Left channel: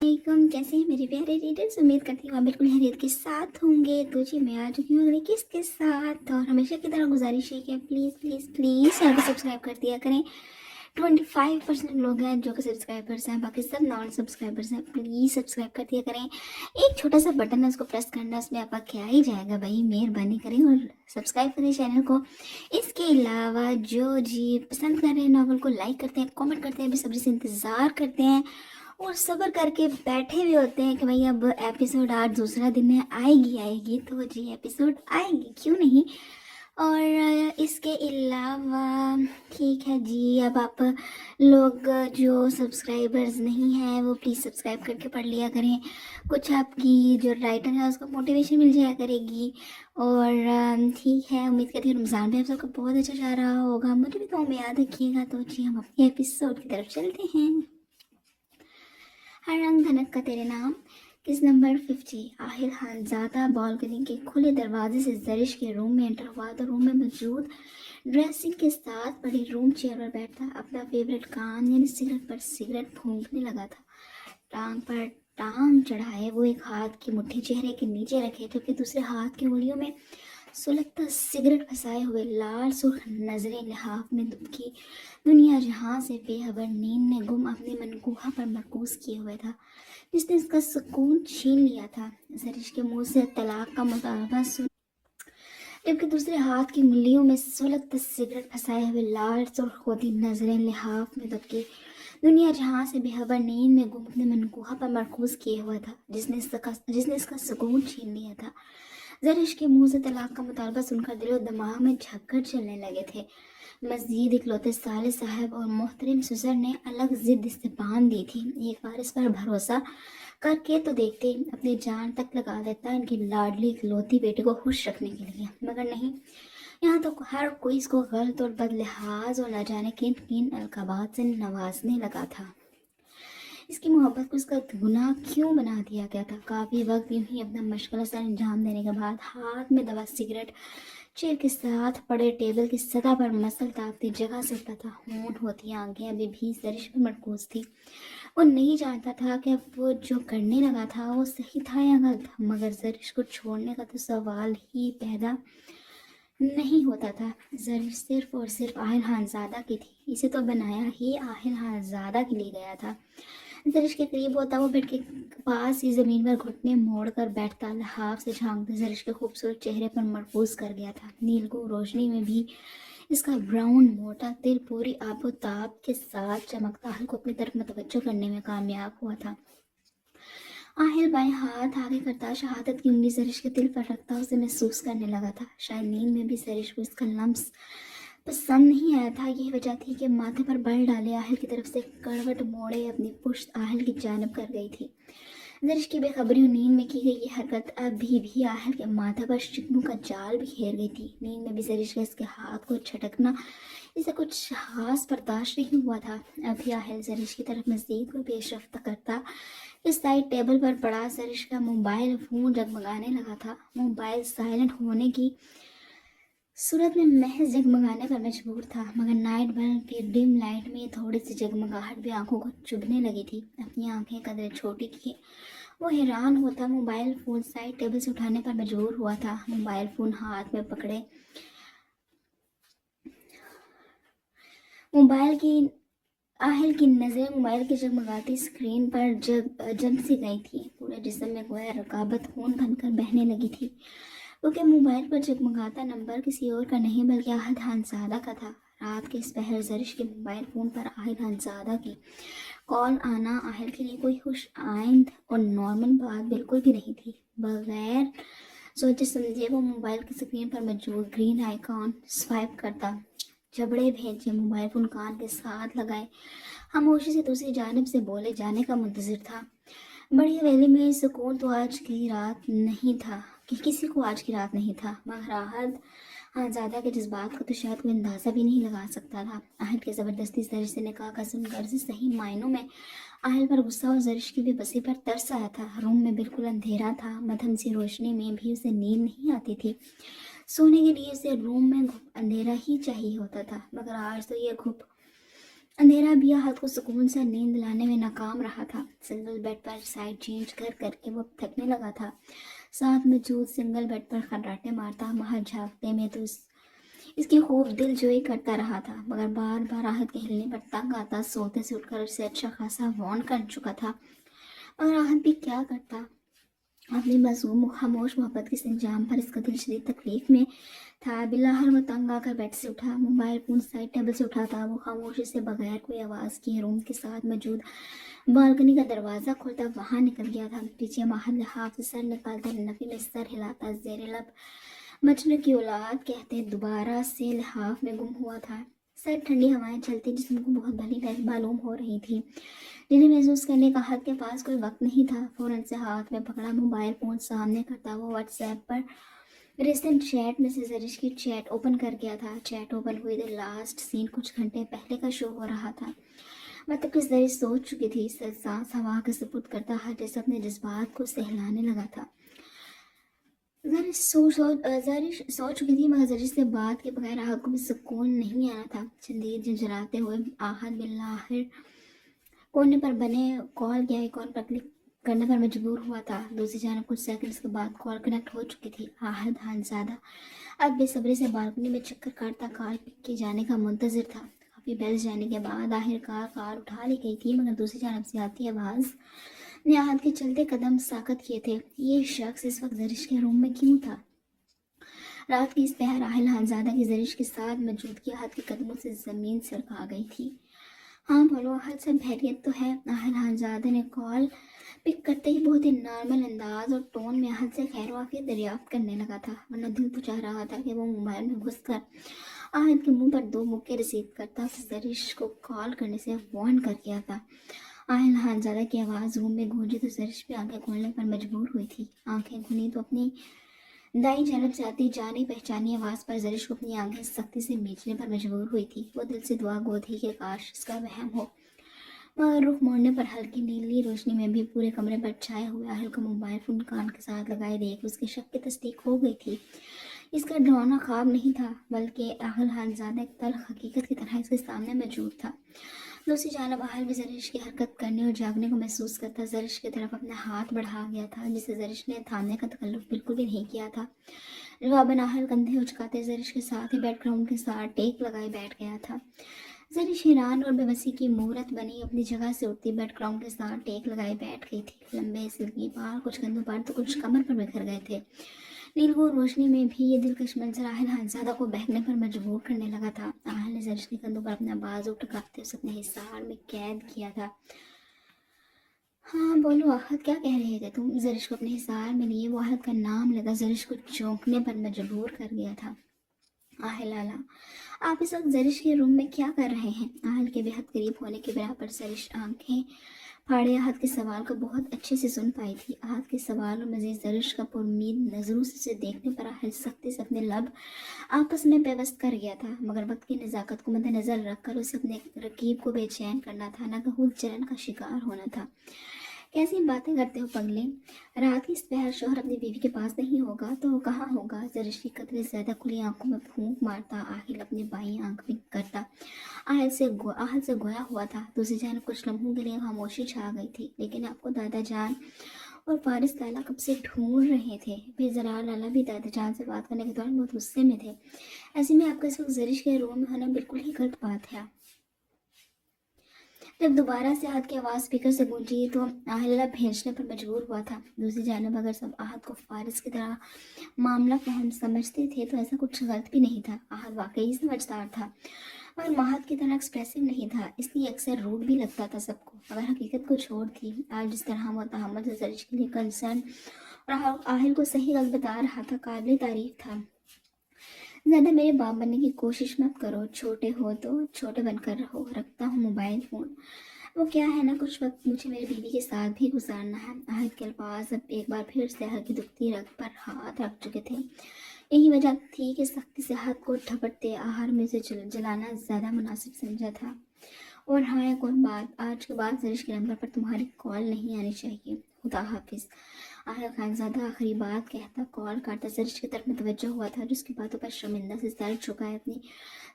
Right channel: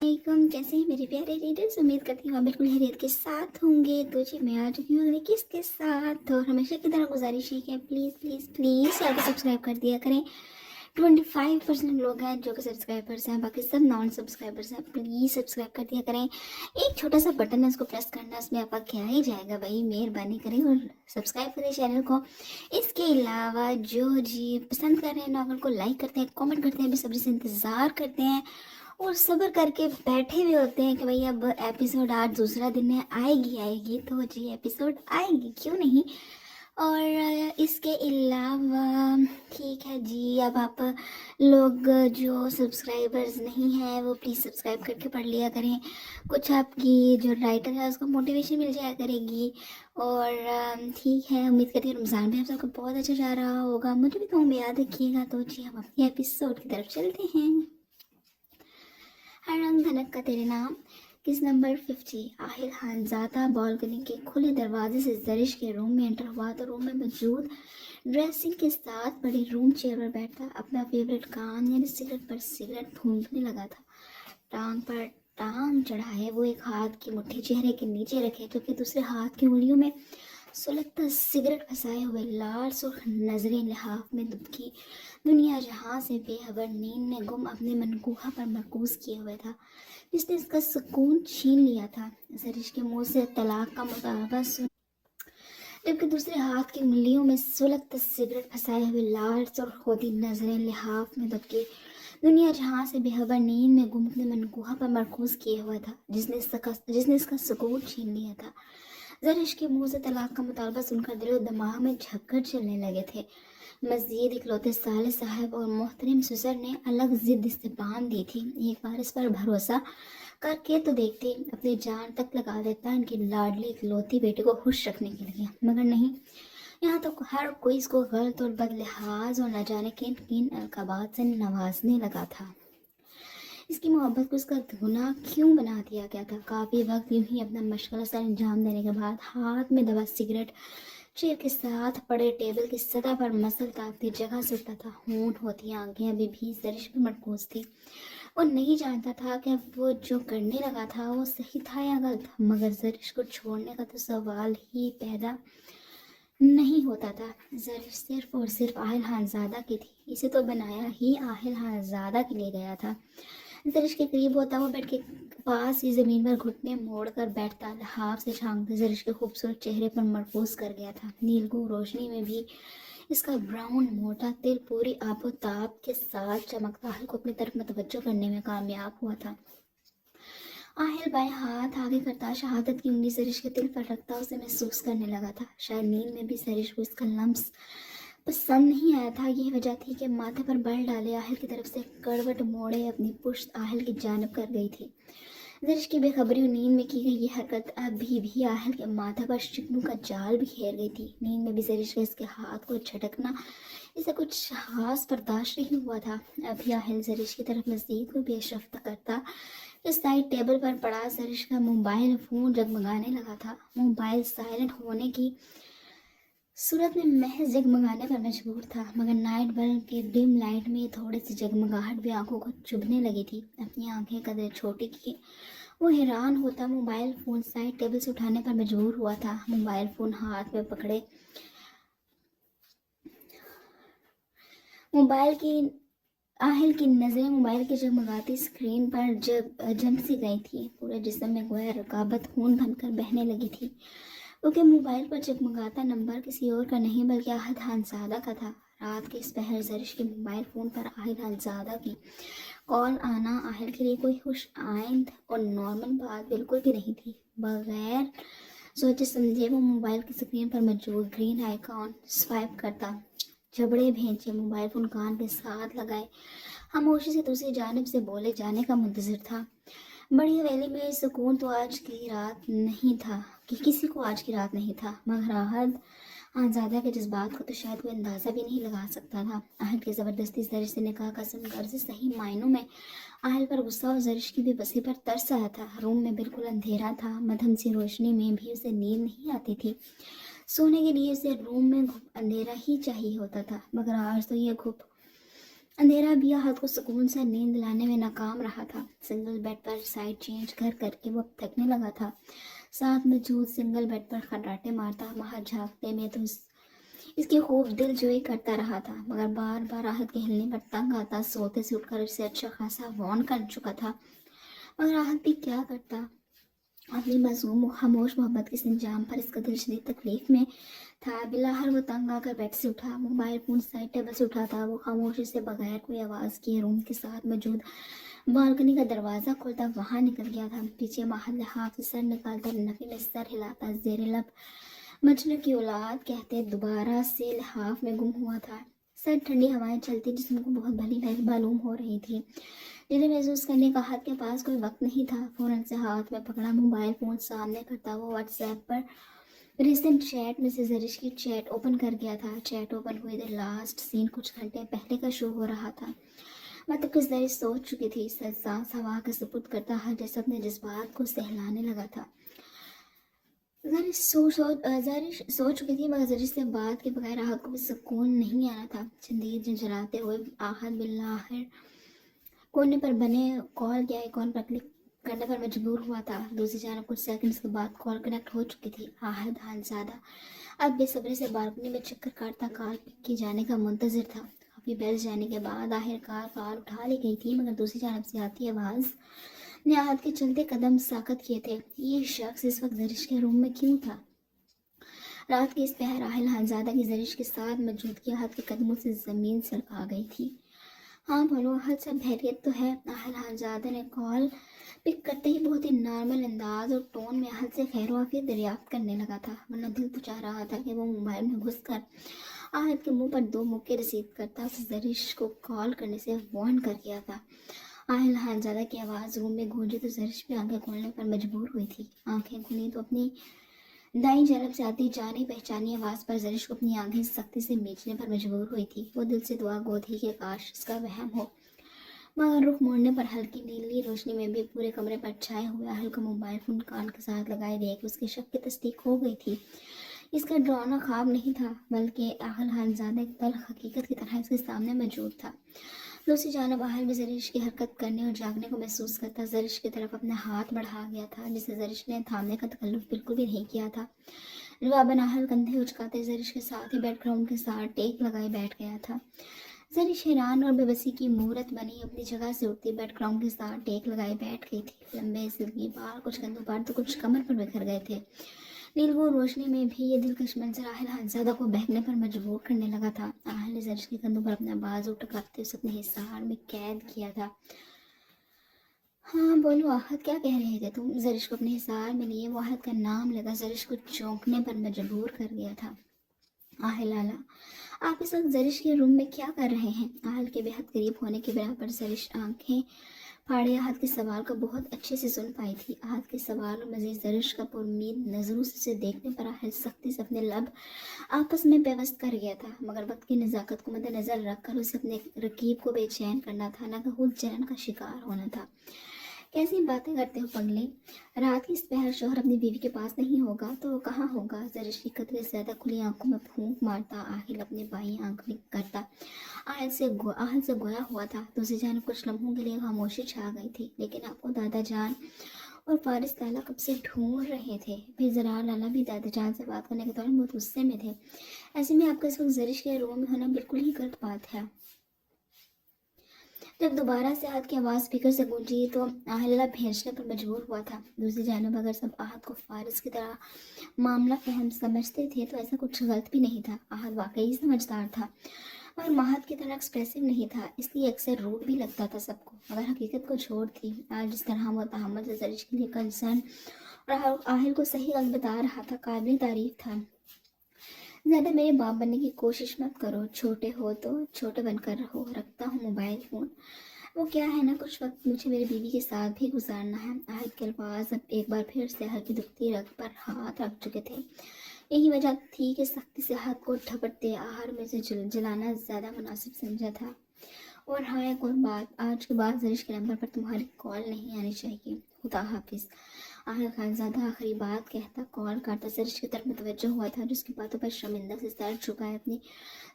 वालेकुम, कैसे हैं मेरे प्यारे रीडर्स। उम्मीद करती हूँ आप बिल्कुल खैरियत के साथ होंगे। तो जी मैं आ चुकी हूँ अगली किस्त के साथ, और हमेशा की तरह गुजारिश है कि प्लीज़ प्लीज़ प्लीज़ चैनल को सब्सक्राइब कर दिया करें। 25% लोग हैं जो कि सब्सक्राइबर्स हैं, बाकी सब नॉन सब्सक्राइबर्स हैं। प्लीज़ सब्सक्राइब कर दिया करें। एक छोटा सा बटन है, उसको प्रेस करना है, उसमें आपका क्या ही जाएगा भाई। मेहरबानी करें और सब्सक्राइब करें चैनल को। इसके अलावा जो जी पसंद कर रहे हैं नॉवल को, लाइक करते हैं, कमेंट करते हैं, बेसब्री से इंतज़ार करते हैं और सब्र करके बैठे हुए होते हैं कि भाई अब एपिसोड 8 दूसरा दिन है, आएगी तो जी एपिसोड आएगी, क्यों नहीं। और इसके अलावा ठीक है जी, अब आप लोग जो सब्सक्राइबर्स नहीं हैं वो प्लीज़ सब्सक्राइब करके पढ़ लिया करें। कुछ आपकी जो राइटर है उसको मोटिवेशन मिल जाया करेगी। और ठीक है, उम्मीद करती हूँ रमज़ान भी आप सबका बहुत अच्छा जा रहा होगा। मुझे भी तो में याद रखिएगा। तो जी हम अपने एपिसोड की तरफ चलते हैं। हर रंग धनक का तेरे नाम। किस नंबर 50। आहिर खानजादा बालकनी के खुले दरवाजे से जरिश के रूम में एंटर हुआ तो रूम में मौजूद ड्रेसिंग के साथ बड़ी रूम चेयर पर बैठा अपना फेवरेट काम यानी सिगरेट पर सिगरेट फूंकने लगा था। टांग पर टांग चढ़ाए वो एक हाथ की मुट्ठी चेहरे के नीचे रखे, जबकि दूसरे हाथ की उंगलियों में सुलगता सिगरेट फंसाए हुए लाल सुर्ख नजरें लिहाफ में दुबकी दुनिया जहां से बेखबर नींद में गुम अपने मनकूहा पर मरकूज किए हुए था, जिसने उसका सुकून छीन लिया था। जरिश के मुंह से तलाक का मुतालबा सुन, जबकि दूसरे हाथ की उंगलियों में सुलगता सिगरेट फंसाए हुए लाल सुर्ख होती नजरें लिहाफ में दुबकी दुनिया जहां से बेखबर नींद में गुम अपने मनकूहा पर मरकूज किए हुआ था, जिसने इसका सुकून छीन लिया था। जरिश के मुंह से तलाक का मुतालबा सुनकर दिलो दिमाग में झक्कर चलने लगे थे। मज़ीद इकलौते साले साहब और मोहतरम ससुर ने अलग जिद इस पे बांध दी थी। एक बार इस पर भरोसा करके तो देखते, अपनी जान तक लगा देता इनकी लाडली इकलौती बेटे को खुश रखने के लिए, मगर नहीं। यहाँ तो हर कोई इसको गलत और बदलिहाज और न जाने किन किन अलकाबात से नवाजने लगा था। इसकी मोहब्बत को इसका गुनाह क्यों बना दिया गया था। काफ़ी वक्त यूं ही अपना मुश्किल सा अंजाम देने के बाद हाथ में दबा सिगरेट चेयर के साथ पड़े टेबल की सतह पर मसलता अपनी जगह से उठता था। होंठ होती आंखें अभी भी जरिश पर मरकूज थी। वो नहीं जानता था कि वो जो करने लगा था वो सही था या गलत, मगर जरिश को छोड़ने का तो सवाल ही पैदा नहीं होता था। जरिश सिर्फ और सिर्फ आहिल खानजादा की थी। इसे तो बनाया ही आहिल खानजादा के लिए गया था। जरिश के करीब होता, वो बेड के पास ही जमीन पर घुटने मोड़ कर बैठता, लिहाफ से झांकते जरिश के खूबसूरत चेहरे पर मरकूज कर गया था। नीलगो रोशनी में भी इसका ब्राउन मोटा तिल पूरी आबोताब के साथ चमकता हल को अपनी तरफ मतवज्जो करने में कामयाब हुआ था। आहिल बाएं हाथ आगे करता शहादत की उंगली जरिश के तिल पर रखता उसे महसूस करने लगा था। शायद नींद में भी जरिश को इसका लम्स पसंद नहीं आया था। यही वजह थी कि माथे पर बल डाले आहिल की तरफ से करवट मोड़े अपनी पुश्त आहिल की जानब कर गई थी। जरिश की बेखबरी और नींद में की गई ये हरकत अभी भी आहिल के माथे पर शिकनों का जाल भी घेर गई थी। नींद में भी जरिश के इसके हाथ को झटकना इसे कुछ खास बर्दाश्त नहीं हुआ था। अभी आहिल जरिश की तरफ मजीद को पेशरफ्त करता, इस साइड टेबल पर पड़ा जरिश का मोबाइल फोन जगमगाने लगा था। मोबाइल साइलेंट होने की सूरत में महज जगमगाने पर मजबूर था, मगर नाइट बल्ब की डिम लाइट में थोड़ी सी जगमगाहट भी आंखों को चुभने लगी थी। अपनी आंखें कदर छोटी की वो हैरान होता। मोबाइल फोन साइड टेबल से उठाने पर मजबूर हुआ था। मोबाइल फोन हाथ में पकड़े मोबाइल की आहिल की नज़रें मोबाइल की जगमगाती स्क्रीन पर जम सी गई थी। पूरे जिस्म में गोया रकाबत खून बनकर बहने लगी थी, क्योंकि मोबाइल पर जगमगाता नंबर किसी और का नहीं बल्कि आहिल खानजादा का था। रात के इस पहर जरिश के मोबाइल फ़ोन पर आहिल खानजादा की कॉल आना आहिल के लिए कोई खुश आइंद और नॉर्मल बात बिल्कुल भी नहीं थी। बगैर सोचे समझे वो मोबाइल की स्क्रीन पर मौजूद ग्रीन आइकॉन स्वाइप करता, जबड़े भेजे, मोबाइल फोन कान के साथ लगाए, खामोशी से दूसरी जानिब से बोले जाने का मुंतजर था। बड़ी हवेली में सुकून तो आज की रात नहीं था कि किसी को आज की रात नहीं था, मगर आहद आज़ादा के जज्बात को तो शायद कोई अंदाज़ा भी नहीं लगा सकता था। आहद की ज़बरदस्ती जरिश से निकाह का सुनकर से सही मायनों में आहल पर गुस्सा और जरिश की बेबसी पर तरस आया था। रूम में बिल्कुल अंधेरा था। मध्यम सी रोशनी में भी उसे नींद नहीं आती थी। सोने के लिए उसे रूम में अंधेरा ही चाहिए होता था, मगर आज तो यह अंधेरा भी आहत को सुकून से नींद लाने में नाकाम रहा था। सिंगल बेड पर साइड चेंज कर करके वो थकने लगा था। साथ में जूद सिंगल बेड पर खर्राटे मारता बाहर झांकते में तो इसकी खूब दिल जोई करता रहा था, मगर बार बार आहत के हिलने पर तंग आता। सोते से उठकर उसे अच्छा खासा वार्न कर चुका था, मगर आहत भी क्या करता। अपनी मासूम खामोश मोहब्बत के इस अंजाम पर इसका दिल शदीद तकलीफ में था। बिलाहर वो तंग आकर बेड से उठा, मोबाइल फोन साइड टेबल से उठा था। वो खामोशी से बगैर कोई आवाज़ किए रूम के साथ मौजूद बालकनी का दरवाज़ा खोलता वहाँ निकल गया था। पीछे महल लिहाफ से सर निकालता, नफी में सर हिलाता, जेर लब मजनू की औलाद कहते दोबारा से लिहाफ में गुम हुआ था। सर ठंडी हवाएं चलती जिस्म को बहुत भली भांति मालूम हो रही थी, जिन्हें महसूस करने का हाथ के पास कोई वक्त नहीं था। फौरन से हाथ में पकड़ा मोबाइल फोन सामने करता वो व्हाट्सएप पर रिसेंट चैट में से जरिश की चैट ओपन कर गया था। चैट ओपन हुई द लास्ट सीन कुछ घंटे पहले का शो हो रहा था। मतलब कि जरिश सोच चुकी थी, सांस हवा का सपुर्द करता है जैसे अपने जज्बात को सहलाने लगा था। जरिश सोच चुकी थी, मगर जरिश से बात के बगैर आहत को भी सुकून नहीं आना था। चंदीर झंझनाते हुए आहत बिल्लाहिर कोने पर बने कॉल के आइकॉन पर क्लिक करने पर मजबूर हुआ था। दूसरी जानब कुछ सेकंड्स के बाद कॉल कनेक्ट हो चुकी थी। आहत खानज़ादा अब बेसब्री से बालकनी में चक्कर काटता कॉल पिक किए जाने का मुंतजिर था। काफ़ी बैठ जाने के बाद आखिरकार कॉल उठा ली गई थी, मगर दूसरी जानब से आती आवाज़ ने आहत के चलते कदम साकत किए थे। ये शख्स इस वक्त जरिश के रूम में क्यों था? रात की इस पहर आहिल खानज़ादा की जरिश के साथ मौजूदगी आहत के कदमों से ज़मीन सरका गई थी। हाँ बोलो, आहत सब खैरियत तो है? आहिल खानज़ादा ने कॉल पिक करते ही बहुत ही नॉर्मल अंदाज और टोन में आहत से खैर वाफियत दरियाफ्त करने लगा था, वरना दिल तो चाह रहा था कि वो मोबाइल में घुसकर आहत के मुंह पर 2 मुक्के रिसीव करता। उसे जरिश को कॉल करने से वार्न कर दिया था। आहिल खानज़ादा की आवाज़ रूम में गूंजी तो जरिश भी आंखें खोलने पर मजबूर हुई थी। आंखें खुली तो अपनी दाई जानब से आती जानी पहचानी आवाज़ पर जरिश को अपनी आंखें सख्ती से मीचने पर मजबूर हुई थी। वो दिल से दुआ गो थी कि काश इसका वहम हो, मगर रुख मोड़ने पर हल्की नीली रोशनी में भी पूरे कमरे पर छाए हुए आहल का मोबाइल फोन कान के साथ लगाए दिए कि उसके शक की तस्दीक हो गई थी। इसका डरावना ख्वाब नहीं था, बल्कि आहल खानज़ादा एक तल्ख हकीकत की तरह इसके सामने मौजूद था। दूसरी जानब आहल भी जरिश की हरकत करने और जागने को महसूस करता जरिश की तरफ अपना हाथ बढ़ा गया था, जिसे जरिश ने थामने का तकल्लुफ बिल्कुल भी नहीं किया था। जवाबन आहल कंधे उचकाते जरिश के साथ ही बैकग्राउंड के साथ टेक लगाए बैठ गया था। जरिश हैरान और बेबसी की मूरत बनी अपनी जगह से उठती बैकग्राउंड के साथ टेक लगाए बैठ गई थी। लंबे सिल्की बाल कुछ कंधों पर तो कुछ कमर पर बिखर गए थे। नीलगुण रोशनी में भी ये दिलकश मंजर आहिल खानज़ादा को बहकने पर मजबूर करने लगा था। आहल ने जरिश के कंधों पर अपना बाजू टुकाते उसे अपने हिसार में कैद किया था। हाँ बोलो आहत, क्या कह रहे थे तुम? जरिश को अपने हिसार में लिए वो आहत का नाम लेकर जरिश को चौंकने पर मजबूर कर गया था। आहिल आला, आप इस वक्त जरिश के रूम में क्या कर रहे हैं? आहल के बेहद करीब होने की बिना पर जरिश आंखें फाड़े आहत के सवाल का बहुत अच्छे से सुन पाई थी। आहत के सवाल और मजीद जरिश का पुरुमीद नजरों से उसे देखने पर आहल सख्ती से अपने लब आपस में पेवस्त कर गया था, मगर वक्त की नज़ाकत को मद्देनजर रखकर उसे अपने रकीब को बेचैन करना था, न कि खुद जलन का शिकार होना था। कैसी बातें करते हो पगले? रात की इस पहर शौहर अपनी बीवी के पास नहीं होगा तो वो कहाँ होगा? जरिश की कदरे ज्यादा खुली आंखों में फूंक मारता आहिल अपनी बाई आंख में करता आहल से गोया हुआ था। दूसरी जानब कुछ लम्हों के लिए खामोशी छा गई थी, लेकिन आपको दादा जान और फारिस लाला कब से ढूंढ रहे थे। फिर जरार लाला भी दादा जान से बात करने के दौरान बहुत गुस्से में थे। ऐसे में आपका इस वक्त जरिश के रूम में होना बिल्कुल ही गलत बात है। जब दोबारा से आहत की आवाज़ स्पीकर से गूंजी तो आहल्ला भेजने पर मजबूर हुआ था। दूसरी जानब अगर सब आहत को फारिस की तरह मामला फहम समझते थे तो ऐसा कुछ गलत भी नहीं था। आहत वाकई समझदार था, मगर महत की तरह एक्सप्रेसिव नहीं था, इसलिए अक्सर रूड भी लगता था सबको। मगर हकीकत को छोड़ थी, आज जिस तरह वो तहम्मुल से जरिश के लिए कंसर्न और आहिल को सही गलत बता रहा था, काबिल तारीफ था। ज़्यादा मेरे बाप बनने की कोशिश मत करो, छोटे हो तो छोटे बनकर रहो। रखता हूँ मोबाइल फ़ोन। वो क्या है ना, कुछ वक्त मुझे मेरी बीवी के साथ भी गुजारना है। आहत के अल्फाज अब एक बार फिर से आहत की दुखती रग पर हाथ रख चुके थे। यही वजह थी कि सख्ती से हाथ को झपटते आहार में से जलाना ज़्यादा मुनासिब समझा था। और हाँ, एक और बात, आज के बाद जरिश के नंबर पर तुम्हारी कॉल नहीं आनी चाहिए। खुदा हाफिज़। आहिल खानजादा आखिरी बात कहता कॉल काटता जरिश की तरफ मुतवज्जो हुआ था, जिसकी बातों पर शर्मिंदा से सर झुकाए अपनी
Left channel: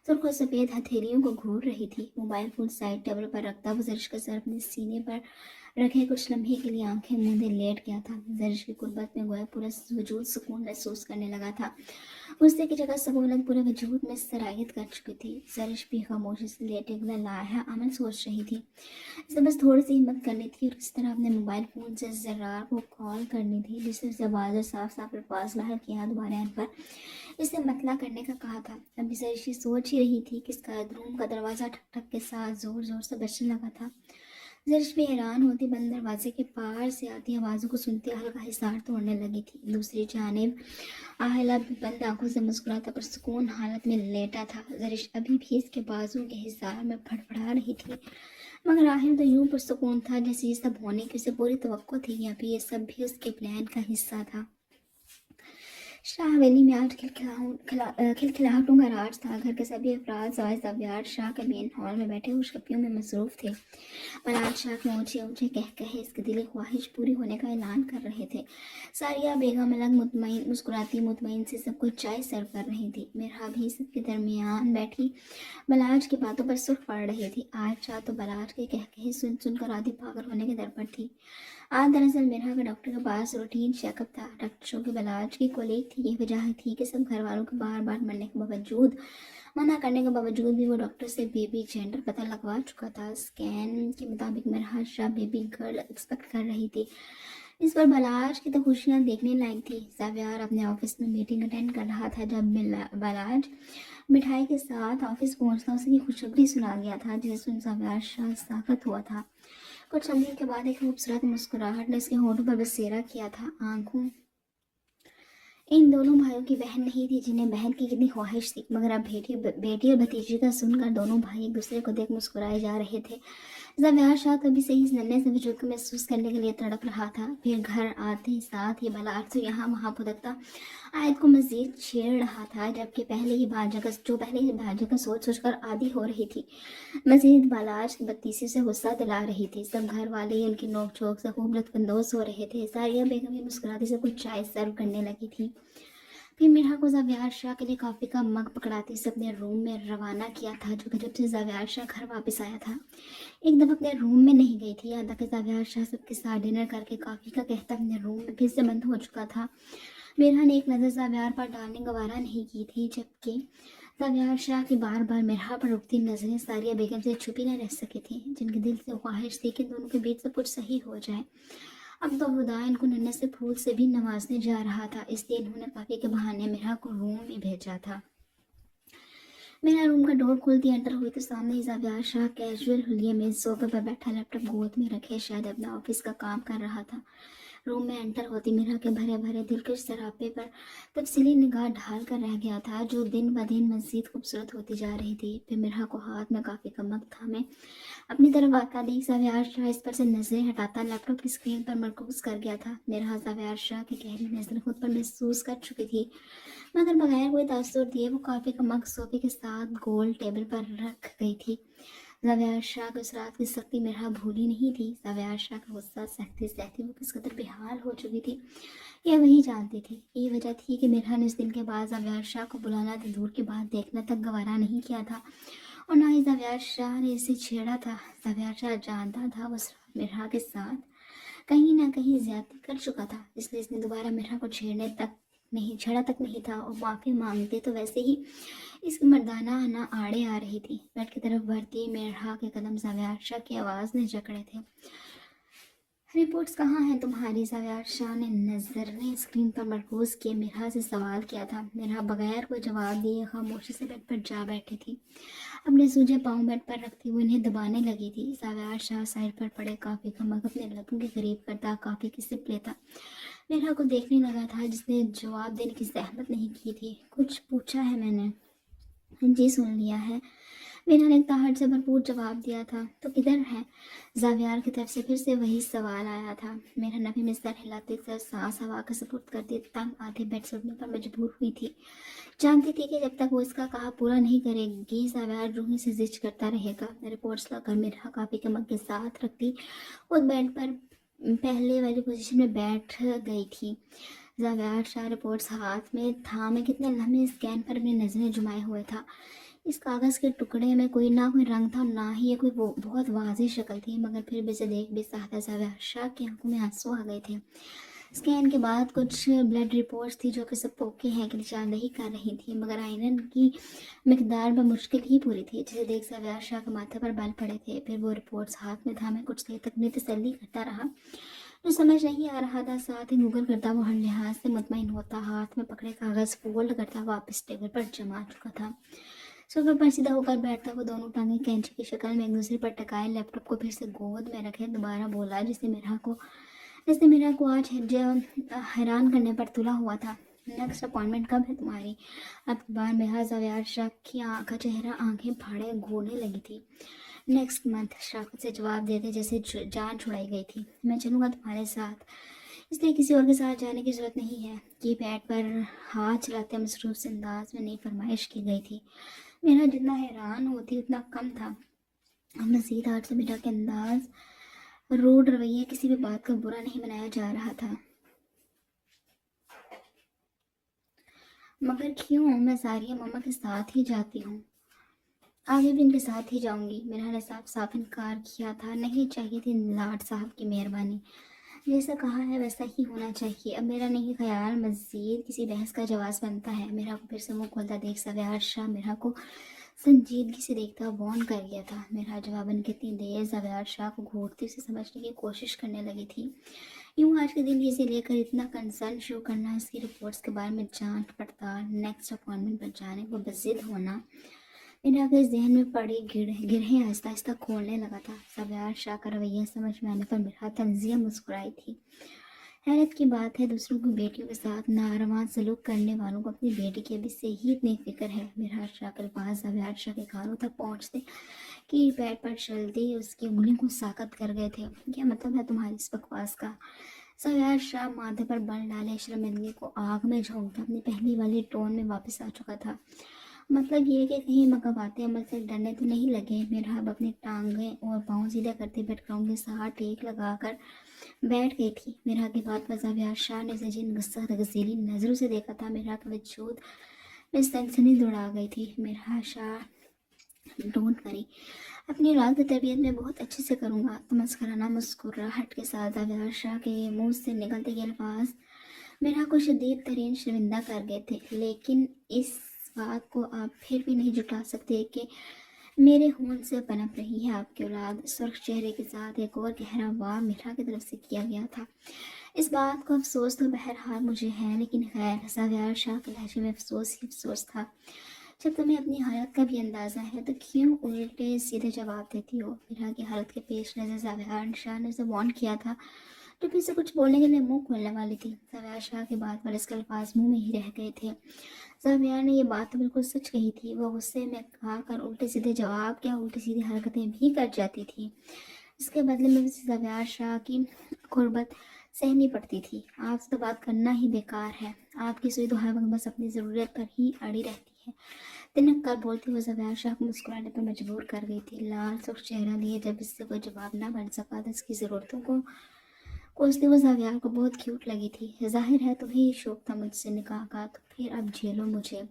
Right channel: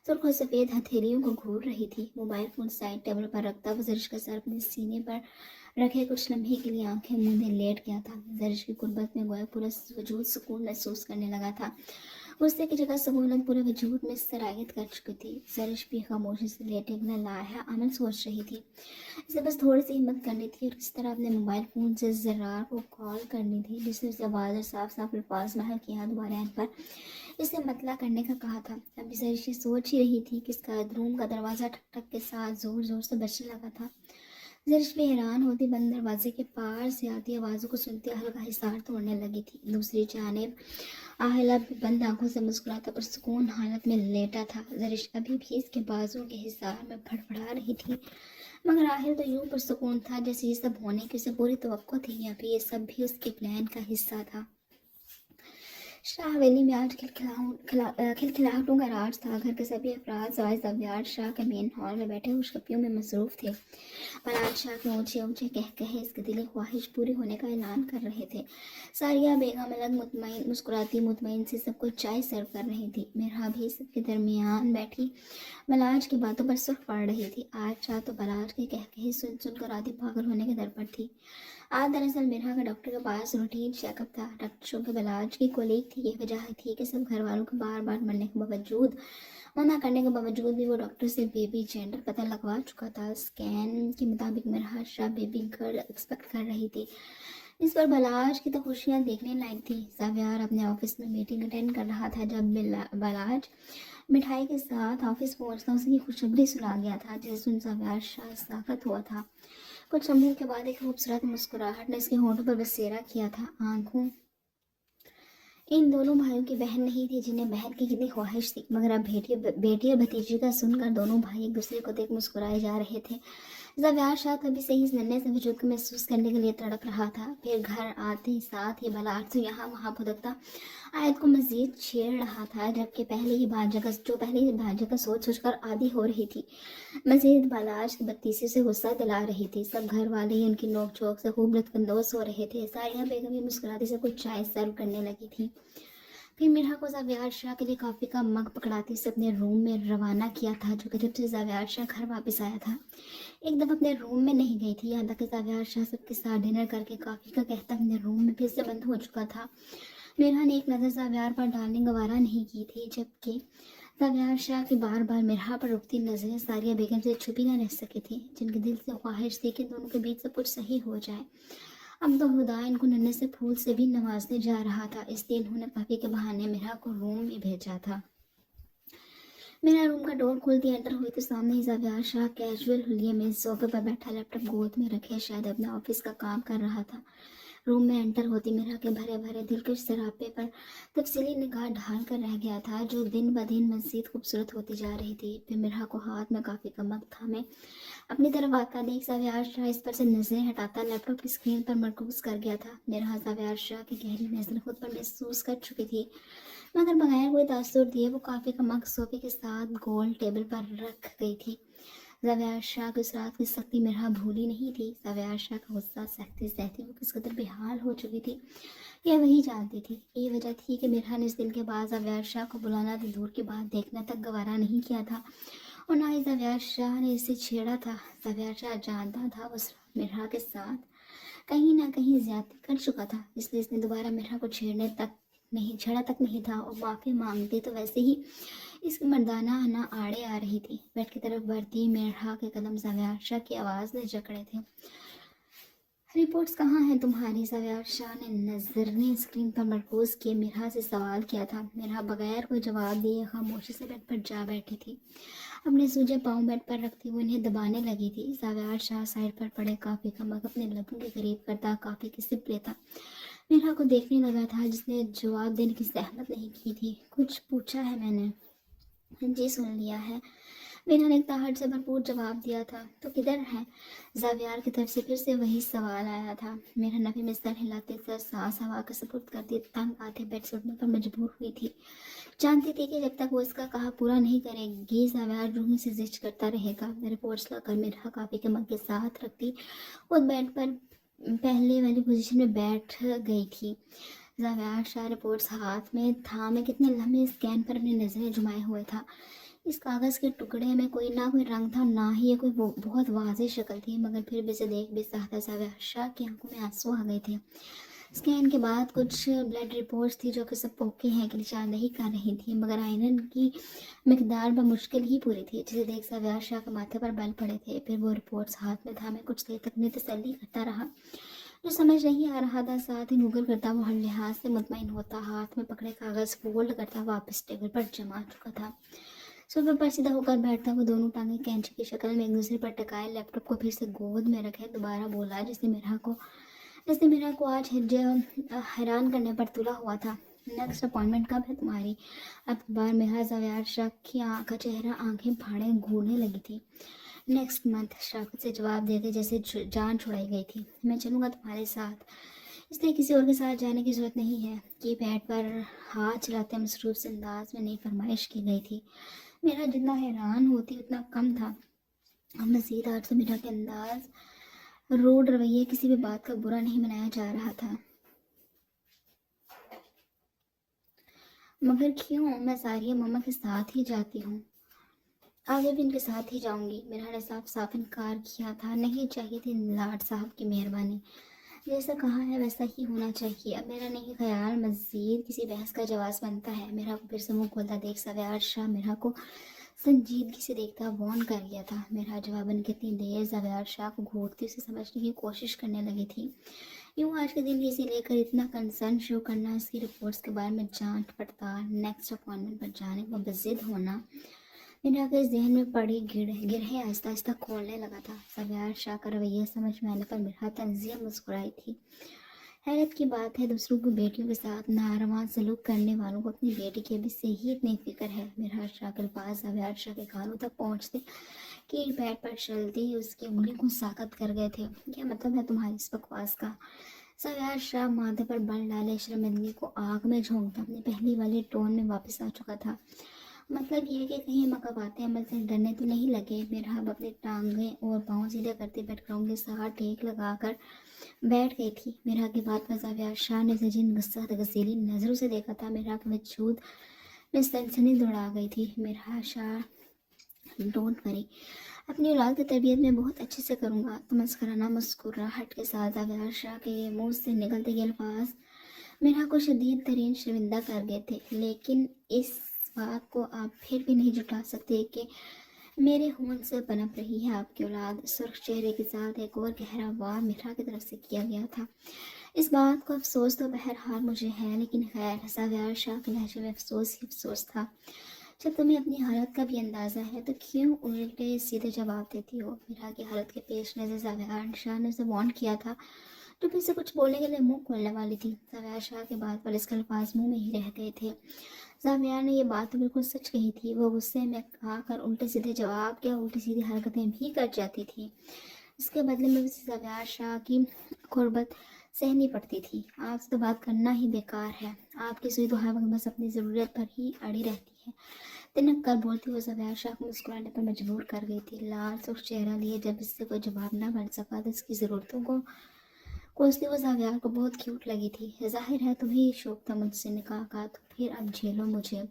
सुर्ख और सफ़ेद हथेलियों को घूर रही थी। मोबाइल फ़ोन साइड टेबल पर रखता वो जरिश का सर अपने सीने पर रखे कुछ लम्हे के लिए आंखें मूंदे लेट गया था। जरिश की गुर्बत में गोया पूरा वजूद सुकून महसूस करने लगा था। गुस्से की जगह सहूलत पूरे वजूद में सरायत कर चुकी थी। जरिश भी खामोशी से लेटे लाया अमल सोच रही थी। इसे बस थोड़ी सी हिम्मत करनी थी और इस तरह अपने मोबाइल फ़ोन से ज़रार को कॉल करनी थी, जिसने उसे बाज़ साफ साफ अल्फाज महल किया दोबारा एन पर इसे मतला करने का कहा था। अभी जरिशी सोच ही रही थी कि इसका रूम का दरवाज़ा ठक ठक के साथ ज़ोर ज़ोर से बजने लगा था। जरिश भी हैरान होती बंद दरवाजे के पार से आती आवाज़ों को सुनते हल्का हिसार तोड़ने लगी थी। दूसरी जानिब आहिला बंद आंखों से मुस्कुराता पर सुकून हालत में लेटा था। जरिश अभी भी इसके बाजू के हिसार में फड़फड़ा रही थी, मगर आहिल तो यूं पुरसुकून था जैसे ये सब होने की उसे पूरी तवक्को थी, या फिर ये सब भी उसके प्लान का हिस्सा था। शाह हवेली में आज खिलखिलाहटों का राज था। घर के सभी अफराद साज सव्यार शाह के मेन हॉल में बैठे खुशखबरियों में मसरूफ थे। मलाज शाह के ऊंचे ऊंचे कह कहे इसकी दिली ख्वाहिश पूरी होने का ऐलान कर रहे थे। सारिया बेगम अलग मुतमईन मुस्कुराती मुतमईन से सबको चाय सर्व कर रही थी। मेरा भी सबके दरमियान बैठी मलाज की बातों पर सुर्ख पड़ रही थी। आज शाह तो बलाज के कह कहे सुन सुनकर आधी पागल होने के दर पर थी। आज दरअसल मिर्हा का डॉक्टर के पास रूटीन चेकअप था। डॉक्टर शो के बलाज की कोलीग थी। ये वजह थी कि सब घर वालों के बार बार मना करने के बावजूद भी वो डॉक्टर से बेबी जेंडर पता लगवा चुका था। स्कैन के मुताबिक मिर्हा शाह बेबी गर्ल एक्सपेक्ट कर रही थी। इस पर बलाज की तो खुशियाँ देखने लायक थी। जावियार अपने ऑफिस में मीटिंग अटेंड कर रहा था जब बलाज मिठाई के साथ ऑफिस पहुंचता उसे खुशखबरी सुना गया था, जिसे सुन जावियार शाह साखत हुआ था। कुछ लम्हों के बाद एक खूबसूरत मुस्कुराहट ने उसके होठों पर बसेरा किया था। आंखों इन दोनों भाइयों की बहन नहीं थी जिन्हें बहन की कितनी ख्वाहिश थी, मगर अब बेटी और भतीजी का सुनकर दोनों भाई एक दूसरे को देख मुस्कुराए जा रहे थे। ज़ावियार शाह कभी से इस नन्हे से वजूद को महसूस करने के लिए तड़प रहा था। फिर घर आते साथ ही बलाट से यहाँ वहाँ फुदकता आयत को मजीद छेड़ रहा था, जबकि पहले ही भाजक का सोच सोचकर आदी हो रही थी। मजीद बलाट की बत्तीसी से गुस्सा दिला रही थी। सब घर वाले ही उनकी नोक झोंक से खूब लुत्फानंदोज हो रहे थे। सारिया बेगम भी मुस्कुराती से कुछ चाय सर्व करने लगी थी। फिर मिर्हा को ज़ावियार शाह के लिए कॉफ़ी का मग पकड़ाती से अपने रूम में रवाना किया था, जो कि जब से ज़ावियार शाह घर वापस आया था एकदम अपने रूम में नहीं गई थी। यहाँ तक कि ज़ावियार शाह सबके साथ डिनर करके कॉफ़ी का कहता अपने रूम में फिर से बंद हो चुका था। मिर्हा ने एक नज़र ज़ावियार पर डालने गवारा नहीं की थी, जबकि ज़ावियार शाह की बार बार मिर्हा पर रुकती नजरें सारिया बेगम से छुपी न रह सकी थी, जिनके दिल से ख्वाहिश थी कि दोनों के बीच सब कुछ सही हो जाए। अब तो खुदा इनको नन्हे से फूल से भी नवाजने जा रहा था, इसलिए इन्होंने कॉफ़ी के बहाने मिर्हा को रूम में भेजा था। मेरा रूम का डोर खोलती एंटर हुई तो सामने ही ज़ावियार शाह कैजुअल हुलिये में सोफे पर बैठा लैपटॉप गोद में रखे शायद अपना ऑफिस का काम कर रहा था। रूम में एंटर होती मेरा के भरे भरे दिलकश सरापे पर तफसीली निगाह ढाल कर रह गया था, जो दिन ब दिन मज़ीद खूबसूरत होती जा रही थी। फिर मेरा को हाथ में काफ़ी का मग थामे अपनी तरफ आता देख ज़ावियार शाह इस पर से नजरें हटाता लैपटॉप की स्क्रीन पर मरकूज कर गया था। मेरा ज़ावियार शाह की गहरी नजर खुद पर महसूस कर चुकी थी, मगर बगैर कोई तासुर दिए वो कॉफ़ी का मग सोफे के साथ गोल टेबल पर रख गई थी। ज़ावियार शाह की उस रात की सख्ती मिर्हा भूली नहीं थी। ज़ावियार शाह का गुस्सा सहते सहते वो किस कदर बेहाल हो चुकी थी, यह वही जानती थी। ये वजह थी कि मिर्हा ने इस दिन के बाद ज़ावियार शाह को बुलाना तो दूर की बात देखना तक गवारा नहीं किया था, और ना ही ज़ावियार शाह ने इसे छेड़ा था। ज़ावियार शाह जानता था उस रात मिर्हा के साथ कहीं ना कहीं ज्यादती कर चुका था, इसलिए इसने दोबारा मिर्हा को छेड़ा तक नहीं था, और माफ़ी मांगते तो वैसे ही इसकी मर्दाना आना आड़े आ रही थी। बेड की तरफ बढ़ती मिर्हा के कदम ज़ावियार शाह की आवाज़ ने जकड़े थे। रिपोर्ट्स कहाँ हैं तुम्हारी? ज़ावियार शाह ने नजरें स्क्रीन पर मरकूज किए मिर्हा से सवाल किया था। मिर्हा बगैर कोई जवाब दिए खामोशी से बेड पर जा बैठी थी, अपने सूजे पाँव बेड पर रखती हुई उन्हें दबाने लगी थी। ज़ावियार शाह साइड पर पड़े कॉफ़ी का मग अपने लबों के करीब करता कॉफ़ी की सिप लेता मिर्हा को देखने लगा था, जिसने जवाब देने की जहमत नहीं की थी। कुछ पूछा है मैंने? जी सुन लिया है, मिर्हा ने ताहट से भरपूर जवाब दिया था। तो किधर है? ज़ावियार की तरफ से फिर से वही सवाल आया था। मेरा नफी में सर हिलाते सर सांस हवा का सपुर्द कर दिए तंग आधे बेड से उठने पर मजबूर हुई थी। जानती थी कि जब तक वो इसका कहा पूरा नहीं करेगी ज़ावियार रूही से जिद करता रहेगा। रिपोर्ट्स लाकर मिर्हा कॉफ़ी के मग के साथ रखती उस बेड पर पहले वाली पोजीशन में बैठ गई थी। ज़ावेद शाह रिपोर्ट्स हाथ में था। मैं कितने लम्हे स्कैन पर अपनी नज़रें जुमाए हुए था। इस कागज़ के टुकड़े में कोई ना कोई रंग था, ना ही ये कोई बहुत वाज़ेह शक्ल थी, मगर फिर भी इसे देख भी सकता। ज़ावेद शाह की आंखों में आंसू आ गए थे। स्कैन के बाद कुछ ब्लड रिपोर्ट्स थी जो कि सब ओके हैं की निशानदेही कर रही थी, मगर आयरन की मिकदार मुश्किल ही पूरी थी, जिसे देख ज़ावेद शाह के माथे पर बल पड़े थे। फिर वो रिपोर्ट्स हाथ में था। मैं कुछ देर तक अपनी तसल्ली करता रहा, जो समझ नहीं आ रहा था। साथ ही गूगल करता वो हर लिहाज से मुतमईन होता, हाथ में पकड़े कागज़ फोल्ड करता वापस टेबल पर जमा चुका था। सोफे पर सीधा होकर बैठता, वो दोनों टांगें कैंची की शक्ल में एक दूसरे पर टकाए, लैपटॉप को फिर से गोद में रखे दोबारा बोला, जिसने मेरा को आज हैरान करने पर तुला हुआ था। नेक्स्ट अपॉइंटमेंट कब है तुम्हारी? अब बार में ज़ावेद शाह की का चेहरा आंखें फाड़े घूरने लगी थी। नेक्स्ट मंथ, शराफत से जवाब देते जैसे जान छुड़ाई गई थी। मैं चलूँगा तुम्हारे साथ, इसलिए किसी और के साथ जाने की ज़रूरत नहीं है। कि पैड पर हाथ चलाते मसरूफ से अंदाज में नई फरमाइश की गई थी। मेरा जितना हैरान होती उतना कम था। बसीत 800 मीटर के अंदाज, रूड रवैया, किसी भी बात का बुरा नहीं मनाया जा रहा था। मगर क्यों? मैं सारिया मामा के साथ ही जाती हूँ, आगे भी इनके साथ ही जाऊंगी। मेरा ने साफ साफ इनकार किया था। नहीं चाहिए थी लाड साहब की मेहरबानी, जैसा कहा है वैसा ही होना चाहिए। अब मेरा नहीं ख्याल मजीद किसी बहस का जवाब बनता है। मेरा को फिर से मुंह खोलता देख ज़ावेद शाह मेरा को संजीदगी से देखता वॉर्न कर गया था। मेरा जवाबन कितनी देर ज़ावेद शाह को घूरती उसे समझने की कोशिश करने लगी थी। यूँ आज के दिन इसे लेकर इतना कंसर्न शो करना, इसकी रिपोर्ट्स के बारे में जांच पड़ताल, नेक्स्ट अपॉइंटमेंट पर जाने को बजिद होना, मेरा के जहन में पड़ी गिरहें आहिस्ता आहिस्ता खोलने लगा था। ज़ावेद शाह का रवैया समझ में आने पर मेरा तंजिया मुस्कुराई थी। हैरत की बात है, दूसरों की बेटियों के साथ नारवा सलूक करने वालों को अपनी बेटी के भी से ही इतनी फिक्र है। मेरा शाह के पास ज़ावेद शाह के कानों तक पहुँचते कि पैर पर चलते उसकी उंगली को साकत कर गए थे। क्या मतलब है तुम्हारी इस बकवास का? ज़ावेद शाह माथे पर बल डाले शर्मिंदगी को आग में झोंकता अपनी पहली वाली टोन में वापस आ चुका था। मतलब ये कि कहीं मकवाते अमल से डरने तो नहीं लगे। मेरा अब अपनी टांगें और पाँव सीधा करते बेडग्राउंड के साथ टेक लगाकर बैठ गई थी। मेरा की बात पर ज़ावेद शाह ने जिन गुस्सा गजीली नज़रों से देखा था, मेरा के वजूद में सनसनी दौड़ा गई थी। मेरा शाह, डोंट वरी, अपनी औलाद की तरबियत में बहुत अच्छे से करूँगा। तमस्कराना मुस्कुराहट के साथ ज़ावेद शाह के मुँह से निकलते ये अल्फाज मेरा को शदीद तरीन शर्मिंदा कर गए थे। लेकिन इस बात को आप फिर भी नहीं जुटा सकते कि मेरे होंठ से पनप रही है आपकी औलाद। सुर्ख चेहरे के साथ एक और गहरा वार मेरा की तरफ से किया गया था। इस बात का अफसोस तो बहरहाल मुझे है, लेकिन खैर, ज़ावेद शाह के लहजे में अफसोस ही अफसोस था। जब तुम्हें अपनी हालत का भी अंदाज़ा है तो क्यों उल्टे सीधे जवाब देती हो? मेरा की हालत के पेश नज़र ज़ावेद शाह ने उसे वार्न किया था, तो फिर से कुछ बोलने के लिए मुंह खोलने वाली थी। ज़ावेद शाह की बात पर इसके अल्फाज मुंह में ही रह गए थे। ज़ावेद ने ये बात तो बिल्कुल सच कही थी। वो गुस्से में कहा कर उल्टे सीधे जवाब क्या उल्टी सीधी हरकतें भी कर जाती थी। इसके बदले में उसे ज़ावेद शाह की गुर्बत सहनी पड़ती थी। आपसे तो बात करना ही बेकार है, आपकी सुई दुहा बस अपनी ज़रूरत पर ही अड़ी रहती है। तिनक कर बोलती हुई ज़ावेद शाह को मुस्कुराने पर मजबूर कर गई थी। लाल सुर्ख चेहरा लिए जब इससे कोई जवाब ना बन सका तो इसकी ज़रूरतों को कोसती हुई ज़ावेद को बहुत क्यूट लगी थी। जाहिर है तुम्हें ही शौक था मुझसे निकाह का, तो फिर अब झेलो मुझे।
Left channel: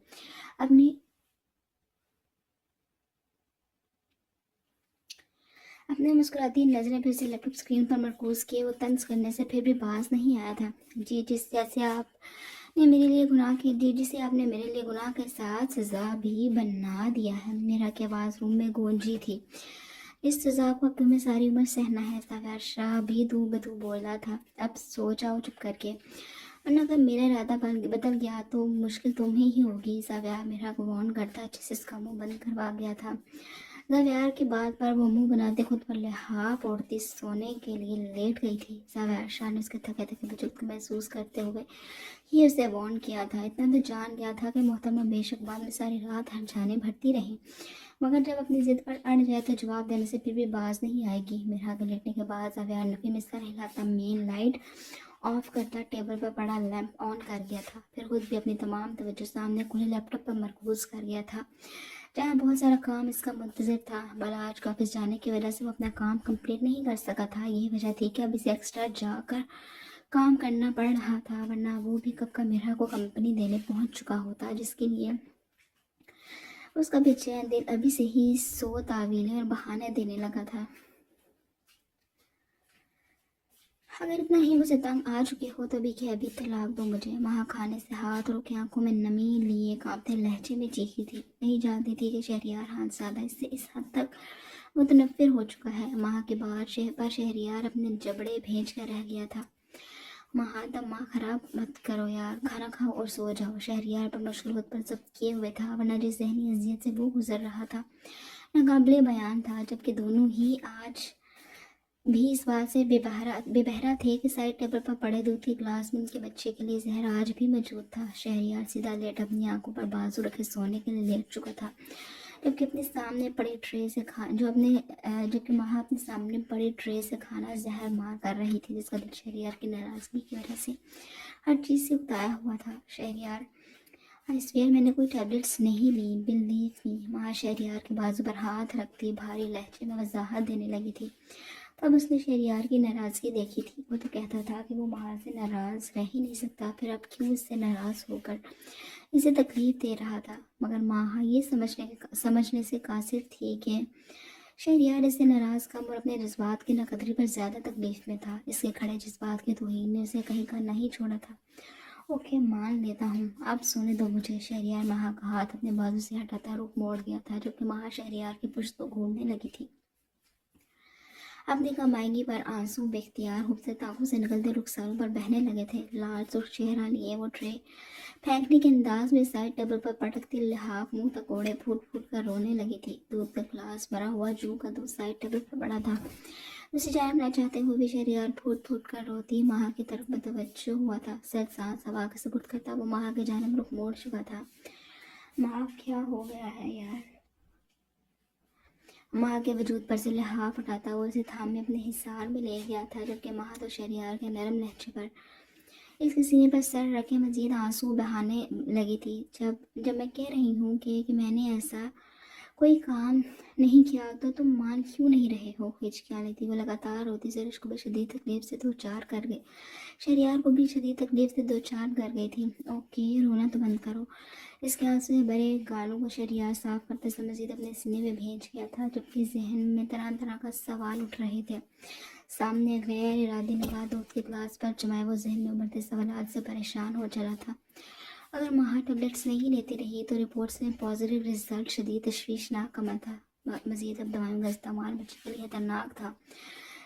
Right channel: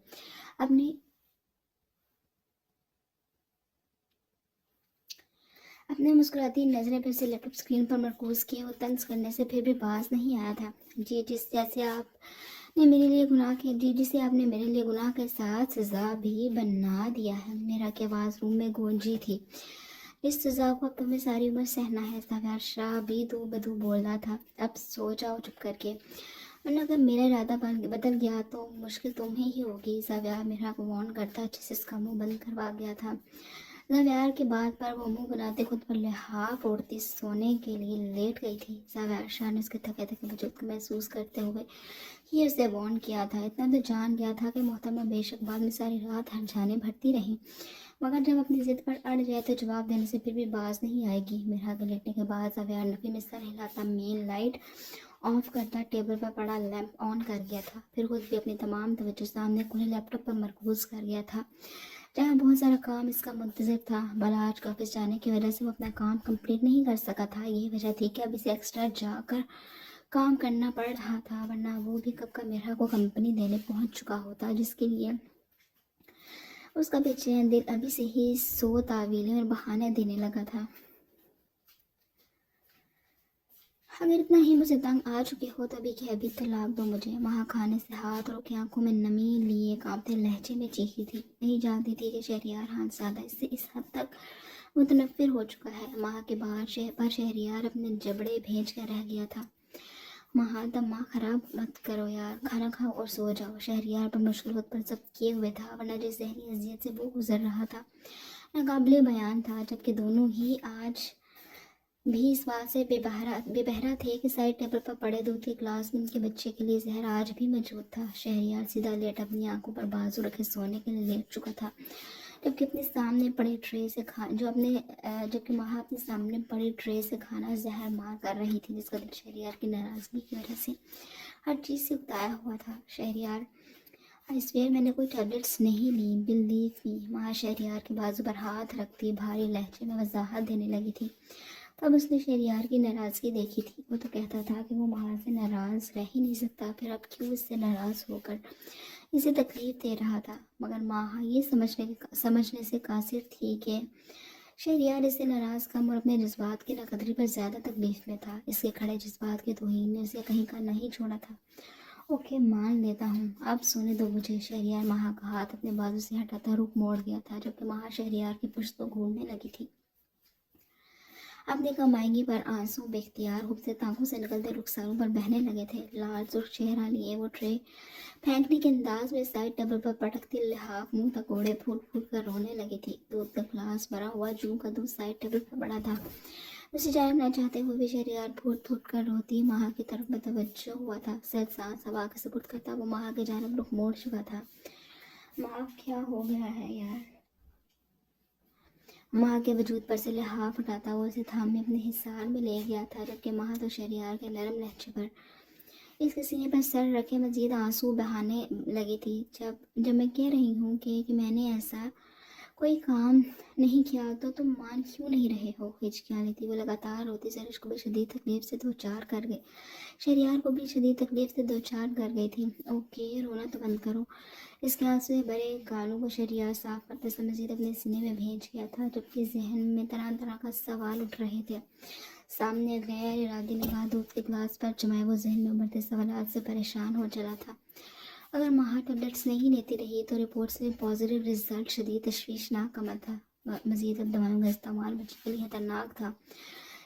अपनी अपने मुस्कुराती नज़रें फिर से लैपटॉप स्क्रीन पर मरकूज किए। वो तंज करने से फिर भी बाज नहीं आया था। जी जिसे आपने मेरे लिए गुनाह के साथ सज़ा भी बना दिया है। मेरा की आवाज़ रूम में गूंजी थी। इस सज़ा को अब तुम्हें सारी उम्र सहना है। ज़ावेद शाह भी दू बदू बोल रहा था। अब सो जाओ चुप करके, वरना अगर मेरा इरादा बदल गया तो मुश्किल तुम्हें ही होगी। ज़ावेद मेरा को वार्न करता अच्छे से इसका मुंह बंद करवा गया था। ज़ावेद की बात पर वो मुंह बनाते खुद पर लिहाफ ओढ़ती सोने के लिए लेट गई थी। ज़ावेद शाह ने उसके थके थके वजूद को महसूस करते हुए ही उसे वार्न किया था। इतना तो जान गया था कि मोहतरमा बेशक बाद में सारी रात हरजाने भरती रहीं, मगर जब अपनी ज़िद पर अड़ जाए तो जवाब देने से फिर भी बाज नहीं आएगी। मेरा के लेटने के बाद ज़ावेद नफी में सर हिलाता, मेन लाइट ऑफ करता, टेबल पर पड़ा लैंप ऑन कर गया था। फिर खुद भी अपनी तमाम तवज्जो सामने खुले लैपटॉप पर मरकूज कर गया था। जहाँ बहुत सारा काम इसका मुंतज़र था। भला आज का ऑफिस जाने की वजह से वो अपना काम कंप्लीट नहीं कर सका था। यही वजह थी कि अब इसे एक्स्ट्रा जाकर काम करना पड़ रहा था, वरना वो भी कब का मीरा को कंपनी देने पहुंच चुका होता, जिसके लिए उसका बेचैन दिल अभी से ही सौ तावीलें और बहाने देने लगा था। अगर इतना ही मुझे तंग आ चुके हो तो भी कि अभी तलाक दो मुझे। वहाँ खाने से हाथ रोके आंखों में नमी लिए कांपते लहजे में चीखी थी। नहीं जानती थी कि शहरियार खानज़ादा इससे इस हद तक मुतनफ़िर हो चुका है। वहाँ के बाहर पर शहरियार अपने जबड़े भेज कर रह गया था। माँ दिमाग खराब मत करो यार, खाना खाओ और सो जाओ। शहरियार पर मुश्किल खुद पर सब किए हुए था, वरना जिस जहनी अजियत से वो गुजर रहा था नाकाबिले बयान था। जबकि दोनों ही आज भी इस बात से बेबहरा थे कि साइड टेबल पर पड़े दूध के ग्लास में उनके बच्चे के लिए जहर आज भी मौजूद था। शहरियार सीधा लेट अपनी आंखों पर बाजू रखे सोने के लिए लेट चुका था, जबकि अपने सामने पड़े ट्रे से जबकि माँ अपने सामने पड़े ट्रे से खाना जहर मार कर रही थी, जिसका दिल शहरियार की नाराज़गी की वजह से हर चीज़ से उताया हुआ था। शहरियार, आई स्वेयर मैंने कोई टैबलेट्स नहीं ली, बिलीव मी। माँ शहरियार के बाजू पर हाथ रखती भारी लहजे में वजाहत देने लगी थी। तब उसने शहरियार की नाराज़गी देखी थी। वो तो कहता था कि वो बाहर से नाराज़ रह ही नहीं सकता, फिर अब क्यों इससे नाराज़ होकर इसे तकलीफ़ दे रहा था। मगर माँ ये समझने से कासिर थी कि शहरियार इसे नाराज़ कम और अपने जज्बात की नकदरी पर ज़्यादा तकलीफ़ में था। इसके खड़े जज्बात के तौहीन ने उसे कहीं का नहीं छोड़ा था। ओके, मान लेता हूँ, अब सोने दो मुझे। शहरियार माँ का हाथ अपने बाजू से हटाता रुख मोड़ गया था, जबकि माँ शहरियार की पुश्त को घूरने लगी थी। अपनी कमाईगी पर आंसू बेख्तियार खूबसूरत आंखों से निकलते रुखसारों पर बहने लगे थे। लाल सुर्ख चेहरा लिए वो ट्रे फेंकने के अंदाज में साइड टेबल पर पटकती लिहाफ मुंह तक ओढ़े फूट फूट कर रोने लगी थी। दूध का ग्लास भरा हुआ जूं का दूध साइड टेबल पर पड़ा था। उसे जायब न चाहते हुए भी शहरियार फूट फूट कर रोती माँ की तरफ मतवज्जो हुआ था। सिर्फ सांस हवा के सुपुर्द करता वो माँ के जानिब रुख मोड़ चुका था। माँ, क्या हो गया है यार? माँ के वजूद पर से लिहाफ उठाता वो उसे थामे अपने हिसार में ले गया था, जबकि माँ तो शहरियार के नरम लहजे पर इसके सीने पर सर रखे मजीद आंसू बहाने लगी थी। जब मैं कह रही हूँ कि मैंने ऐसा कोई काम नहीं किया तो तुम मान क्यों नहीं रहे हो? हिचकियाँ लेती वो लगातार रोती ज़रिश को भी शदीद तकलीफ से दो चार कर गई। शहरियार को भी शदीद तकलीफ से दो चार कर गई थी। ओके, रोना तो बंद करो। इसके आंसू से भरे गालों को शहरियार साफ करते समय मजीद अपने सीने में भेज गया था, जबकि जहन में तरह तरह का सवाल उठ रहे थे। सामने गैर इरादी निगाह दूध के गिलास पर जमाए वो जहन में उभरते सवालात से परेशान हो चला था। अगर माँ टैबलेट्स नहीं लेती रही तो रिपोर्ट्स में पॉजिटिव रिजल्ट शदीद तशवीशनाक अमल था। मजीद अब दवाइयों का इस्तेमाल बच्चे के लिए खतरनाक था।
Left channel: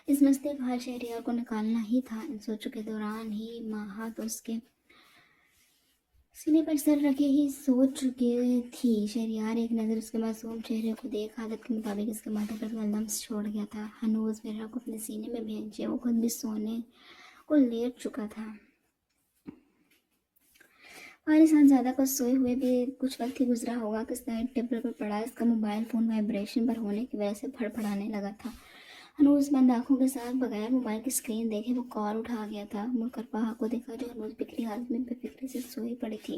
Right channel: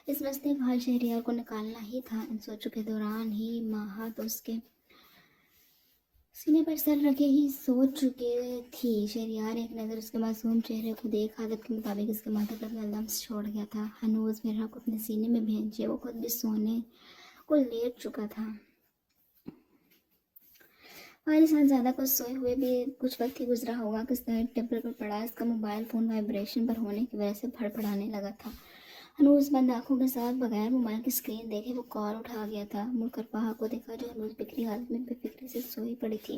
इस मसले का हल शहरियार को निकालना ही था। इन सोचों के दौरान ही माँ तो उसके सीने पर सर रखे ही सोच चुके थी। शहरियार एक नज़र उसके मासूम चेहरे को देख आदत के मुताबिक इसके माथे पर लम्स छोड़ गया था। हनूज मेरा को अपने सीने में भेजे वो खुद भी सोने को लेट चुका था। हमारे साथ ज़्यादा कुछ सोए हुए भी कुछ वक्त ही गुजरा होगा कि साइड टेबल पर पड़ा इसका मोबाइल फ़ोन वाइब्रेशन पर होने की वजह से फड़फड़ाने लगा था। हनूज बंद आंखों के साथ बगैर मोबाइल की स्क्रीन देखे वो कॉल उठा गया था। मुड़कर पहा को देखा जो हनूज बिखरी हालत में बेफिक्री से सोई पड़ी थी।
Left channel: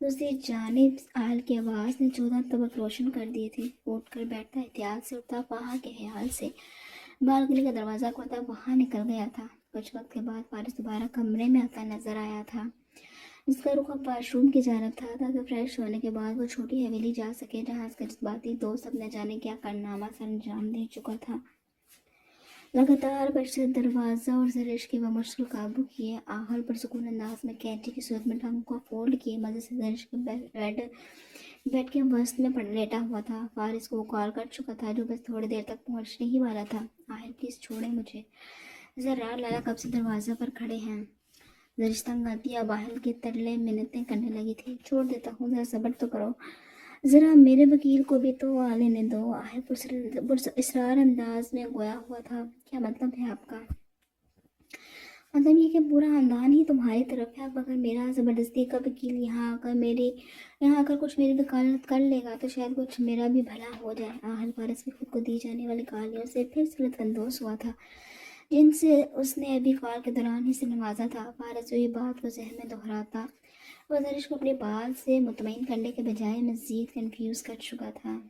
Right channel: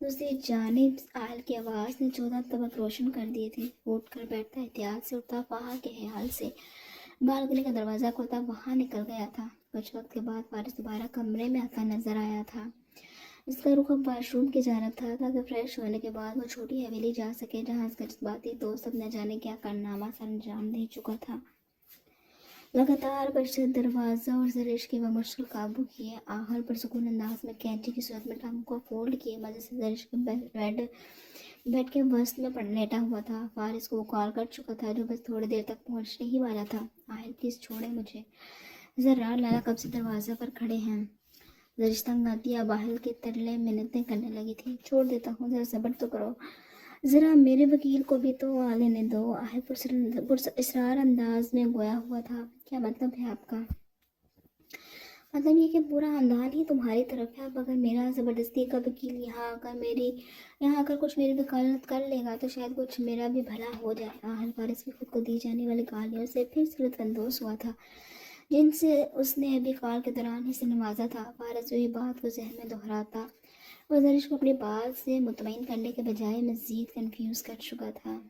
दूसरी जानिब आल की आवाज़ ने 14 तबक रोशन कर दिए थे। उठ कर बैठता एहतियात से उठता पहा के ख्याल से बालकनी का दरवाज़ा खोलता वहाँ निकल गया था। कुछ वक्त के बाद फारिस दोबारा कमरे में आता नजर आया था, जिसका रुख अब वाशरूम की जानब था, ताकि फ्रेश होने के बाद वो छोटी हवेली जा सके जहाँ उसका जज्बाती दोस्त अब न जाने क्या कारनामा सर अंजाम दे चुका था। लगातार बजते दरवाज़ा और जरिश की वह मुश्किल काबू किए आखिर पर सुकून अंदाज में कैंची की सूरत में टंग को फोल्ड किए मज़े से जरिश के बेड के वस्त में पड़ लेटा हुआ था। फारिस को कॉल कर चुका था, जो बस थोड़ी देर तक पहुंचने ही वाला था। आहिर प्लीज़ छोड़े मुझे, ज़रा लाला कब से दरवाज़े पर खड़े हैं। जरिश तंग आती बाहर के तरले मिन्नतें करने लगी थी। छोड़ देता हूँ, ज़रा सब्र तो करो, ज़रा मेरे वकील को भी तो आ लेने दो। आहिर पुरस्रार अंदाज में गोया हुआ था। क्या मतलब है आपका? मतलब ये कि पूरा खानदान ही तुम्हारी तरफ है। अब अगर मेरा ज़बरदस्ती का वकील यहाँ आकर कुछ मेरी वकालत कर लेगा तो शायद कुछ मेरा भी भला हो जाए। आहिर फारिस भी खुद को दी जाने वाली गालियों से फिर से लुत्फ़अंदोज़ हुआ था। جن سے اس نے ابھی کال کے دوران ہی سے نوازا تھا۔ فارس جو یہ بات کو ذہن میں دہراتا، وہ زرش کو اپنی بات سے مطمئن کرنے کے بجائے مزید کنفیوز کر چکا تھا۔